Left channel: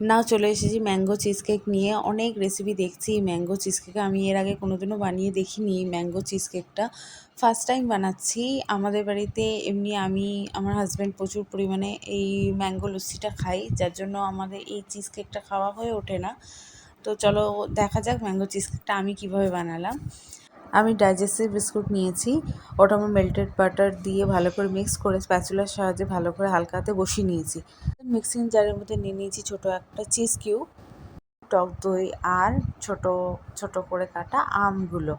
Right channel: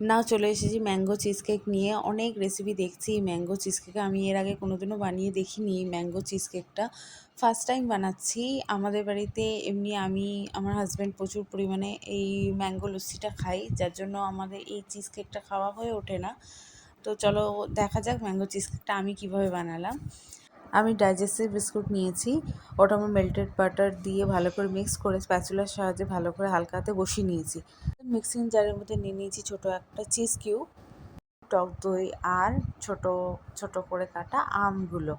নাও চলে এসেছি mango cheese cake নিয়ে। অনেক রেসিপি দেখছি ম্যাঙ্গো চিজ কেক, আমি এর আগে কোনোদিনও বানিয়ে দেখিনি। ম্যাঙ্গো চিজ কেকটা ফার্স্ট টাইম বানাচ্ছি। আমাদের বাড়িতে এমনি আমি আমার হাজব্যান্ড প্রচুর পরিমাণে এই ম্যাঙ্গো লস্যিটা খাই, যার জন্য আমাদের এই চিজ কেকটা খাওয়া হয়ে ওঠে না। তো চলো দেখা যাক ম্যাঙ্গো চিজ কেকটা আমি কীভাবে বানালাম। আমি ডাইজেস্টিভ বিস্কুট নিয়েছি, ওটা আমার মেল্টেড বাটার দিয়ে ভালো করে মিক্স করে স্প্যাচুলার সাহায্যে ভালো করে হালকা হাতে বসিয়ে নিয়েছি। মিক্সিং জারের মধ্যে নিয়ে নিয়েছি ছোটো একটা চিজ কিউব, টক দই আর ছোট ছোট করে কাটা আমগুলো,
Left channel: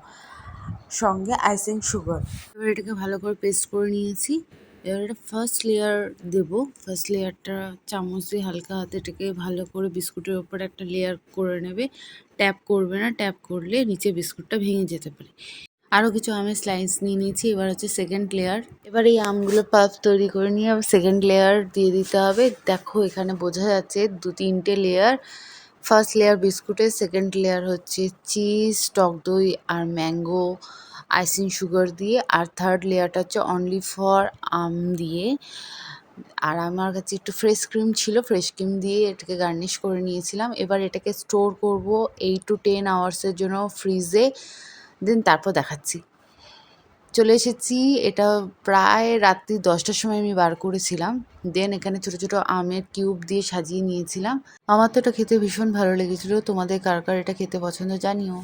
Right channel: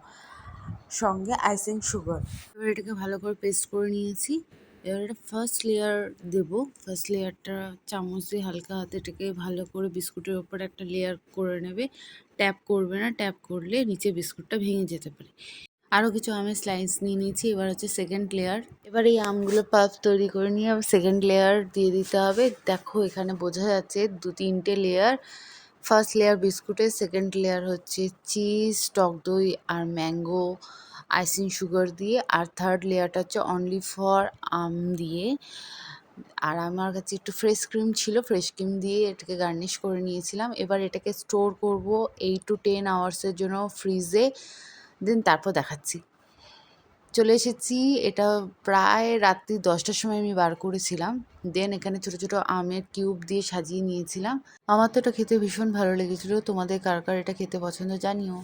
সঙ্গে আইসিং সুগার। এবার এটাকে ভালো করে পেস্ট করে নিয়েছি। এবার এটা ফার্স্ট লেয়ার দেবো। ফার্স্ট লেয়ারটা চামচ দিয়ে হালকা হাতে এটাকে ভালো করে বিস্কুটের ওপর একটা লেয়ার করে নেবে। ট্যাপ করবে না, ট্যাপ করলে নিচে বিস্কুটটা ভেঙে যেতে পারে। আরও কিছু আমের স্লাইস নিয়ে নিয়েছি। এবার হচ্ছে সেকেন্ড লেয়ার। এবার এই আমগুলো পাফ তৈরি করে নিয়ে আবার সেকেন্ড লেয়ার দিয়ে দিতে হবে। দেখো এখানে বোঝা যাচ্ছে 2-3টে লেয়ার। ফার্স্ট লেয়ার বিস্কুটের, সেকেন্ড লেয়ার হচ্ছে চিজ, টক দই আর ম্যাঙ্গো আইসিং সুগার দিয়ে, আর থার্ড লেয়ারটা হচ্ছে অনলি ফর আম দিয়ে। আর আমার কাছে একটু ফ্রেশ ক্রিম ছিল, ফ্রেশ ক্রিম দিয়ে এটাকে গার্নিশ করে নিয়েছিলাম। এবার এটাকে স্টোর করব 8 to 10 আওয়ার্সের জন্য ফ্রিজে, দেন তারপর দেখাচ্ছি। চলে এসেছি, এটা প্রায় রাত্রি 10টার সময় আমি বার করেছিলাম। দেন এখানে ছোটো ছোটো আমের কিউব দিয়ে সাজিয়ে নিয়েছিলাম। আমার তো এটা খেতে ভীষণ ভালো লেগেছিলো। তোমাদের কার কার এটা খেতে পছন্দ জানিও।